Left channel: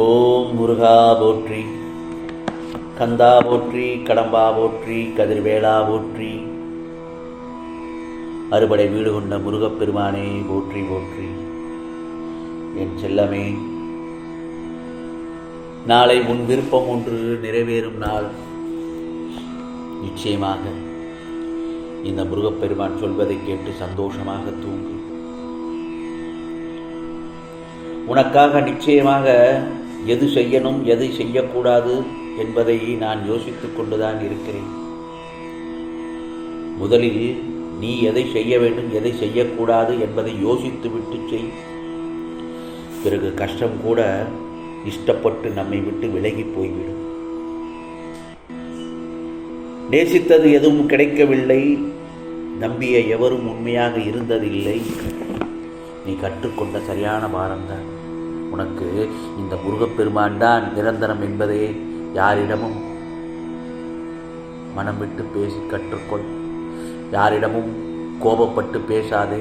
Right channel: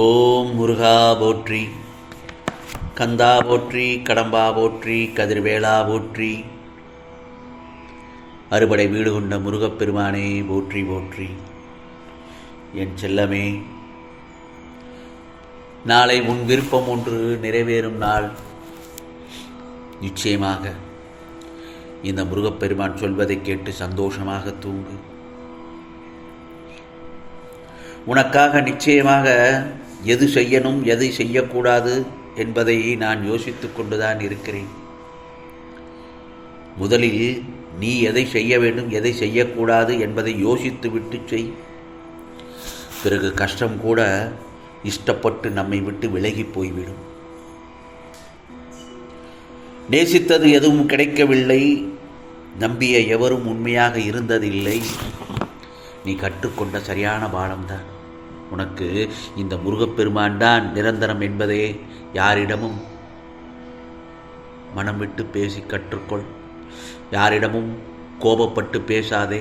ஓம் முருகா போற்றி, கந்தா போற்றி, கடம்பா போற்றி, கதிர்வேளா போற்றி, அறுபடை வீடு கொண்ட முருகப்பெருமானே போற்றி போற்றி. என் செல்லமே, நாளை உன் விருப்பம் ஒன்று நிறைவேறும் நாள். நிச்சயமாக இந்த முருகப்பெருமான் சொல்வதை கேட்டு சந்தோஷமாக தூங்கு. உனக்காக நிச்சயமாக எது செய்யணும் எதை செய்யக்கூடாது என்பதை நான் யோசித்து கொண்டுதான் இருக்கிறேன். முதலில் நீ எதை செய்ய வேண்டும் எதை செய்யக்கூடாது என்பதை யோசித்து விட்டு செய். பிறகு கஷ்டம் கூட இஷ்டப்பட்டு நம்மை விட்டு விலகி போய்விடும். நேசித்தது எதுவும் கிடைக்கவில்லை, நம்பிய எவரும் உண்மையாக இருந்ததில்லை. நீ கற்றுக்கொண்ட சரியான பாடம்தான். உனக்கு இந்த முருகப்பெருமான் தான் நிரந்தரம் என்பதே யாரிடமும் மனம் விட்டு பேசி கற்றுக்கொள். யாரிடமும் கோபப்பட்டு பேசாதே,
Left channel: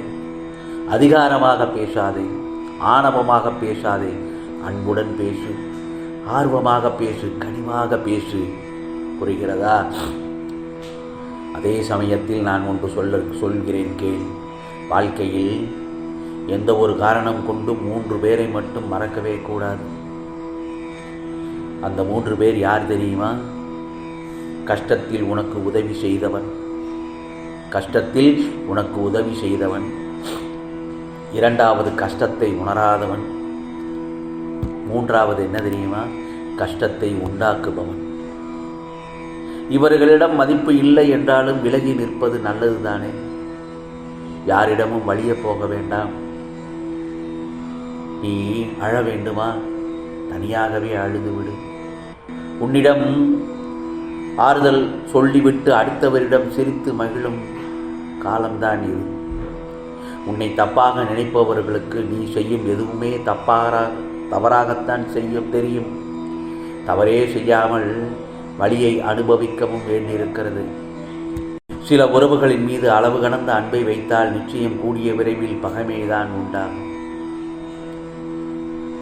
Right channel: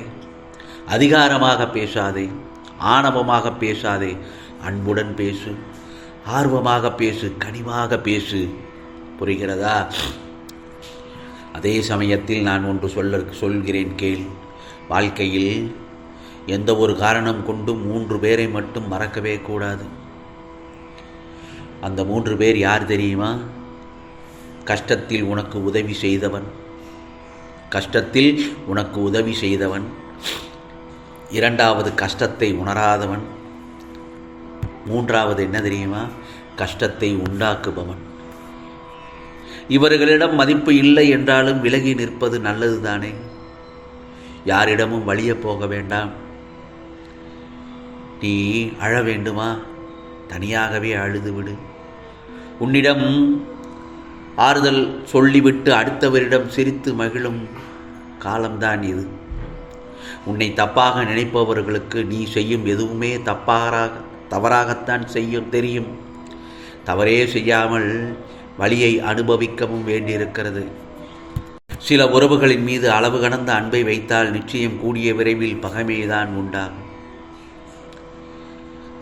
அதிகாரமாக பேசாதே, ஆணவமாக பேசாதே. அன்புடன் பேசு, ஆர்வமாக பேசு, கனிவாக பேசு. புரிகிறதா? அதே சமயத்தில் நான் ஒன்று சொல்கிறேன் கேள். வாழ்க்கையில் எந்த ஒரு காரணம் கொண்டு 3 பேரை மட்டும் மறக்கவே கூடாது. அந்த 3 பேர் யார் தெரியுமா? கஷ்டத்தில் உனக்கு உதவி செய்தவன், கஷ்டத்தில் உனக்கு உதவி செய்தவன். 2வது கஷ்டத்தை உணராதவன். 3வது என்ன தெரியுமா? கஷ்டத்தை உண்டாக்குபவன். இவர்களிடம் மதிப்பு இல்லை என்றாலும் விலகி நிற்பது நல்லதுதானே. யாரிடமும் வலிய போக வேண்டாம். நீ அழ வேண்டுமா? தனியாகவே அழுதுவிடு. உன்னிடம் ஆறுதல் சொல்லிவிட்டு அடுத்தவரிடம் சிரித்து மகிழும் காலம்தான் இது. உன்னை தப்பாக நினைப்பவர்களுக்கு நீ செய்யும் எதுவுமே தவறாகத்தான் செய்யும் தெரியும். தவறே செய்யாமல் வலியை அனுபவிக்கவும் வேண்டியிருக்கிறது. சில உறவுகளின் மீது அளவு கடந்த அன்பை வைத்தால் நிச்சயம் கூடிய விரைவில் பகைமைதான் உண்டாகும்.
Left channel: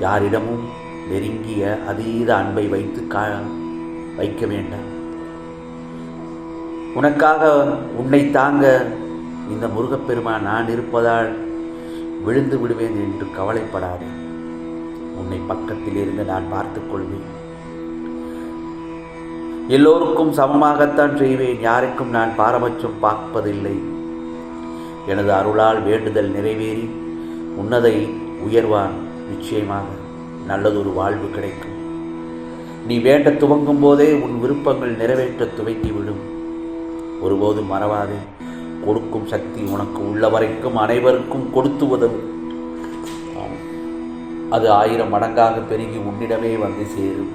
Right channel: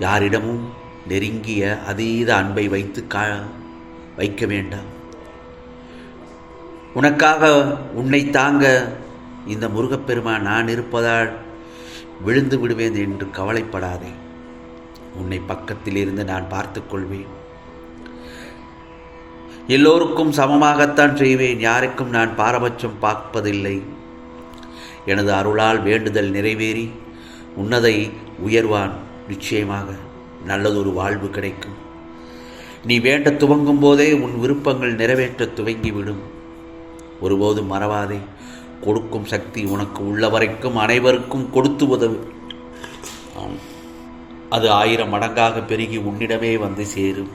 யாரிடமும் நெருங்கிய அதீத அன்பை வைக்க வேண்டாம். உனக்காக உன்னை தாங்க இந்த முருகப்பெருமான் நான் இருப்பதால் விழுந்து விடுவேன் என்று கவலைப்படாதே. உன்னை பக்கத்தில் இருந்து நான் பார்த்துக் கொள்வேன். எல்லோருக்கும் சமமாகத்தான் செய்வேன். யாருக்கும் நான் பாரபட்சம் பார்ப்பதில்லை. எனது அருளால் வேண்டுதல் நிறைவேறி உன்னதை உயர்வான். நிச்சயமாக நல்லதொரு வாழ்வு கிடைக்கும். நீ வேண்ட துவங்கும் போதே உன் விருப்பங்கள் நிறைவேற்ற துவங்கிவிடும். ஒருபோதும் மறவாதே, கொடுக்கும் சக்தி உனக்கு உள்ள வரைக்கும் அனைவருக்கும் கொடுத்து உதவும். அது 1000 மடங்காக பெருகி உன்னிடமே வந்து சேரும்.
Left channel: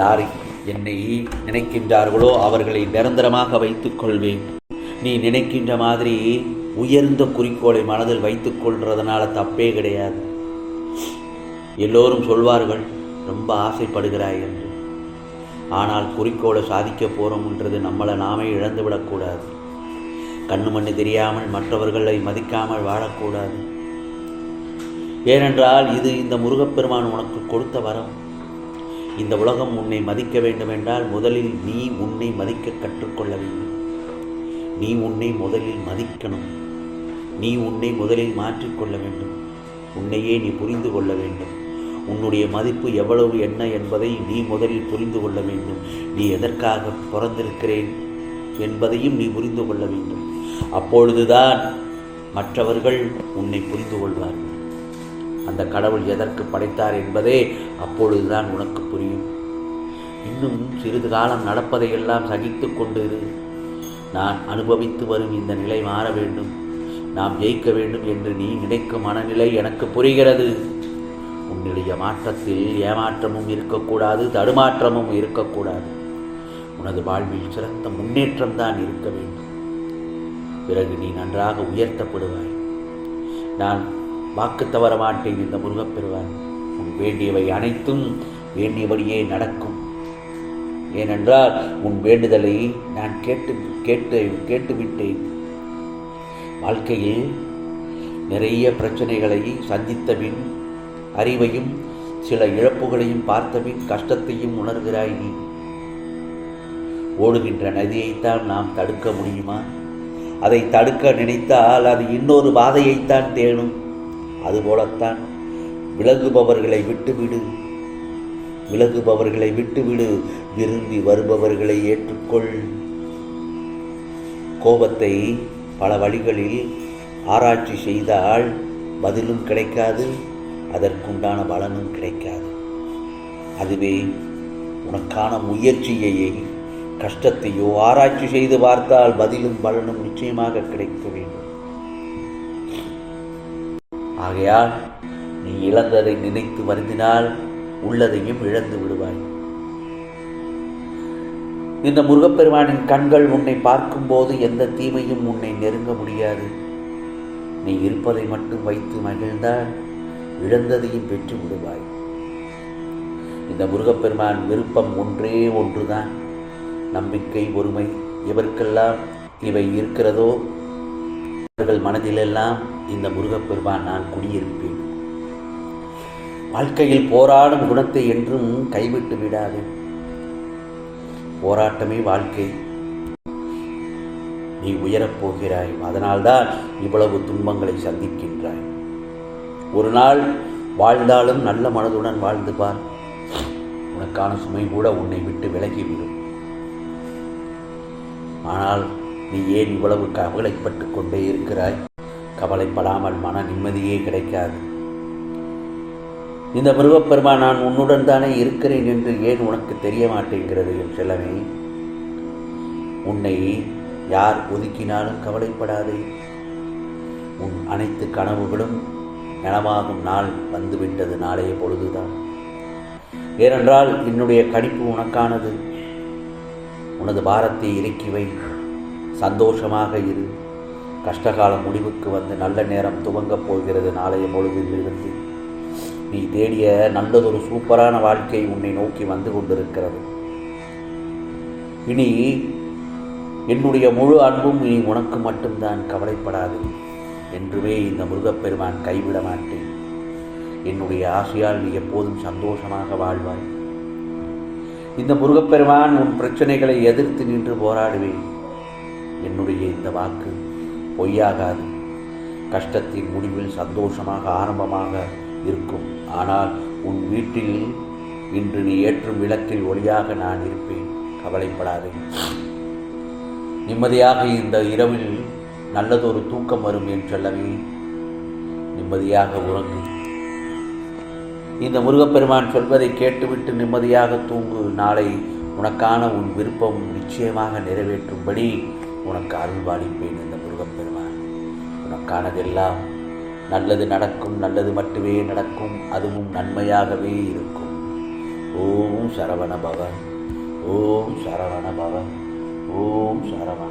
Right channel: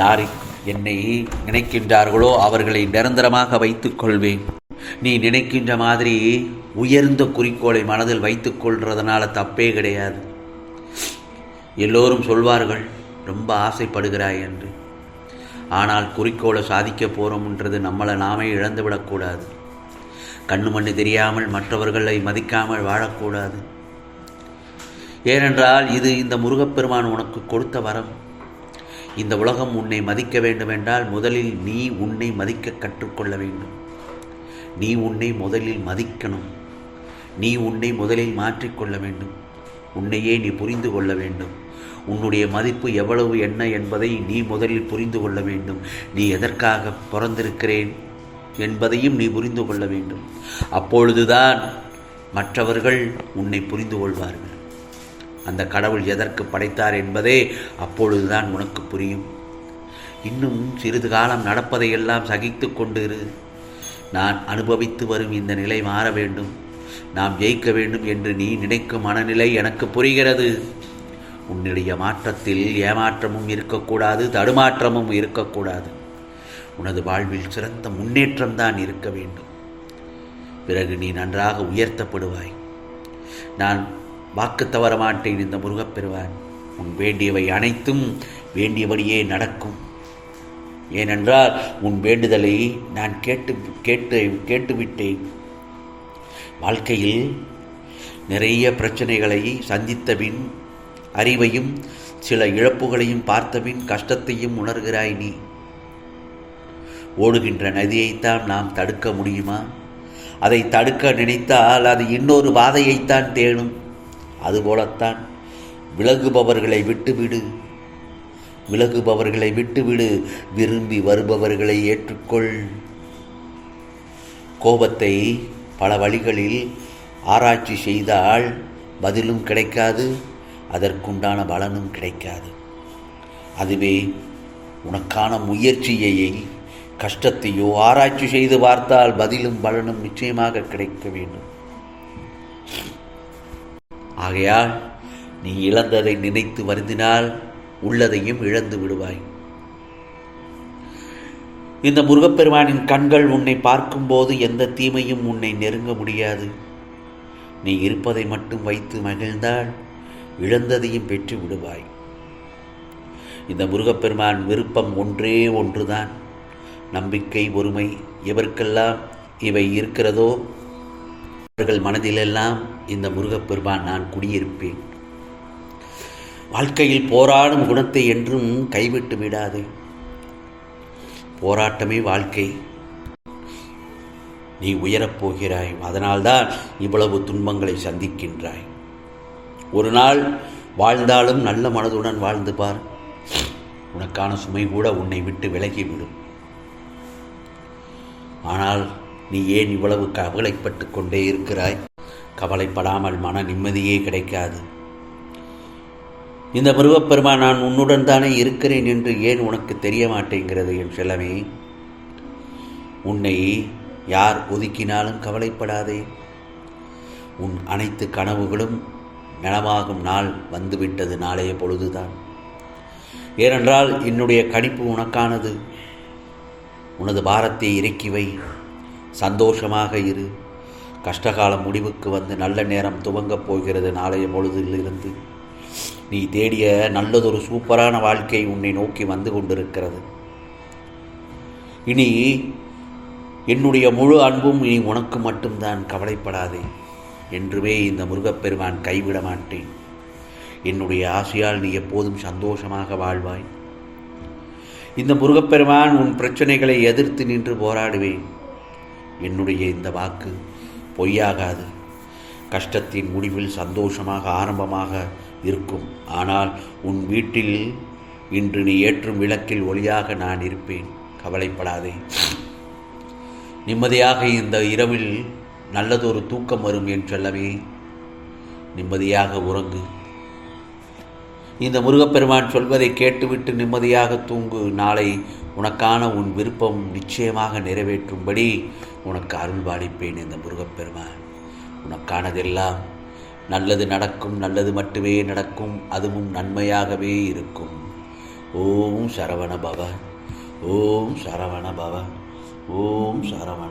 யாரை என்னை நினைக்கின்றார்களோ அவர்களை நிரந்தரமாக வைத்துக் கொள்வேன். நீ நினைக்கின்ற மாதிரி உயர்ந்த குறிக்கோளை மனதில் வைத்துக் கொள்றதுனால தப்பே கிடையாது. எல்லோரும் சொல்வார்கள் ரொம்ப ஆசைப்படுகிறாய் என்று. ஆனால் குறிக்கோளை சாதிக்க போகிறோம்ன்றது நம்மளை நாமே இழந்துவிடக்கூடாது. கண்ணு மண்ணு தெரியாமல் மற்றவர்களை மதிக்காமல் வாழக்கூடாது. ஏனென்றால் இது இந்த முருகப்பெருமான் உனக்கு கொடுத்த வரம். இந்த உலகம் உன்னை மதிக்க வேண்டுமென்றால் முதலில் நீ உன்னை மதிக்க கற்றுக்கொள்ள வேண்டும். நீ உன்னை முதலில் மதிக்கணும். நீ உன்னை முதலில் மாற்றிக்கொள்ள வேண்டும். உன்னையே நீ புரிந்து கொள்ள வேண்டும். உன்னுடைய மதிப்பு எவ்வளவு என்ன என்பதை நீ முதலில் புரிந்து கொள்ள வேண்டும். நீ எதற்காக பிறந்திருக்கிறேன் என்பதையும் நீ புரிந்து கொள்ள வேண்டும். அப்பொழுதுதான் மற்றவர்கள் உன்னை புரிந்து கொள்வார்கள். அந்த கடவுள் எதற்கு படைத்தார் என்பதே அப்பொழுதுதான் உனக்கு புரியும். இன்னும் சிறிது காலம் நடப்பதையெல்லாம் சகித்து கொண்டிரு. நான் அனுபவித்து வரும் இந்த நிலை மாற வேண்டும், நாம் ஜெயிக்க வேண்டும் என்று நீ நினைக்கும் மனநிலை எனக்கு புரிகிறது. உன்னுடைய மாற்றத்தில் ஏமாற்றமும் இருக்கக்கூடாது, தடுமாற்றமும் இருக்கக்கூடாது. உனது வாழ்வில் சிறந்த முன்னேற்றம்தான் இருக்க வேண்டும். பிறகு நீ நன்றாக உயர்த்தப்படுவாய். நான் வாக்கு தவற மாட்டேன். இந்த முருகப்பெருமான் உன் வேண்டியவை அனைத்தும் வேண்டியபடியே நடக்கும். ஏனென்றால் உன் வேண்டுதலை நான் கேட்டுவிட்டேன். வாழ்க்கையில் நிறைய பிரச்சனைகளை சந்தித்த பின் அறிவையும் சில இழப்புகளையும் பார்த்தபின் கஷ்டத்தையும் உணர்கிறாய் நீ. ஓடுகின்ற நதியைத்தான் நாம் தடுக்க முடியுமா? அதை தடுக்க நினைத்தால் அது இன்னொரு பாதையைத்தான் தேடும். அதுபோலத்தான் விலகுபவர்களை விட்டுவிடு, விலகுபவர்களை விட்டுவிடு, விரும்பி வருபவர்களை ஏற்றுக்கொள். கோபத்தை பல வழிகளில் ஆராய்ச்சி செய்தால் பதிலும் கிடைக்காது, அதற்குண்டான பலனும் கிடைக்காது. அதுவே உனக்கான முயற்சியை, கஷ்டத்தையோ ஆராய்ச்சி செய்து பார்த்தால் பதிலும் பலனும் நிச்சயமாக கிடைக்க வேண்டும். ஆகையால் நீ இழந்ததை நினைத்து வருந்தினால் உள்ளதையும் இழந்து விடுவாய். இந்த முருகப்பெருமானின் கண்கள் உன்னை பார்க்கும்போது எந்த தீமையும் உன்னை நெருங்க முடியாது. நீ இருப்பதை மட்டும் வைத்து மகிழ்ந்தால் இழந்ததையும் பெற்று விடுவாய். இந்த முருகப்பெருமான் விருப்பம் ஒன்றே ஒன்றுதான், நம்பிக்கை, பொறுமை. எவருக்கெல்லாம் இவை இருக்கிறதோ அவர்கள் மனதிலெல்லாம் இந்த முருகப்பெருமான் நான் குடியிருப்பேன். வாழ்க்கையில் போராடும் குணத்தை என்றும் கைவிட்டு விடாது. போராட்டமே வாழ்க்கை. நீ உயரப்போகிறாய், அதனால்தான் இவ்வளவு துன்பங்களை சந்திக்கின்றாய். ஒரு நாள் வாழ்ந்தாலும் நல்ல மனதுடன் வாழ்ந்து பார், உனக்கான சுமை கூட உன்னை விட்டு விலகிவிடும். ஆனால் நீ ஏன் இவ்வளவு கவலைப்பட்டு கொண்டே இருக்கிறாய்? கவலைப்படாமல் மன நிம்மதியே கிடைக்காது. இந்த முருகப்பெருமான் நான் உன்னுடன் தானே இருக்கிறேன் என்று ஏன் உனக்கு தெரிய மாட்டேங்கிறது என் செல்லமே? உன்னை யார் ஒதுக்கினாலும் கவலைப்படாதே. உன் அனைத்து கனவுகளும் நனவாகும் நாள் வந்துவிட்டது, நாளைய பொழுதுதான். ஏனென்றால் என்னுடைய கணிப்பு உனக்கானது. உனது பாரத்தை இறக்கி வை, சந்தோஷமாக இரு. கஷ்டகாலம் முடிவுக்கு வந்து நல்ல நேரம் துவங்கப் போகிறது. நாளைய பொழுதிலிருந்து நீ தேடிய நல்லதொரு சூப்பரான வாழ்க்கை உன்னை நோக்கி வந்து கொண்டிருக்கிறது. இனி என்னுடைய முழு அன்பும் நீ உனக்கு மட்டும்தான். கவலைப்படாதே. என்றுமே இந்த முருகப்பெருமான் கைவிட மாட்டேன். என்னுடைய ஆசையால் நீ எப்போதும் சந்தோஷமாக வாழ்வாய். இந்த முருகப்பெருமான் உன் பிரச்சனைகளை எதிர்த்து நின்று போராடுவேன். என்னுடைய இந்த வாக்கு பொய்யாகாது. கஷ்டத்தின் முடிவில் சந்தோஷமாக ஆரம்பமாக இருக்கும். ஆனால் உன் வீட்டில் இன்று நீ ஏற்றும் விளக்கில் ஒளியாக நான் இருப்பேன். கவலைப்படாதே. நிம்மதியாக இந்த இரவில் நல்லதொரு தூக்கம் வரும் என் செல்லவே. நிம்மதியாக உறங்கு. இந்த முருகப்பெருமான் சொல்வதை கேட்டுவிட்டு நிம்மதியாக தூங்கு. நாளை உனக்கான உன் விருப்பம் நிச்சயமாக நிறைவேற்றும்படி உனக்கு அருள் பாலிப்பேன். இந்த முருகப்பெருமான் உனக்கானதெல்லாம் நல்லது நடக்கும், நல்லது மட்டுமே நடக்கும், அதுவும் நன்மையாகவே இருக்கும். ஓம் சரவண பவ, ஓம் சரவண பவ, ஓம் சரவண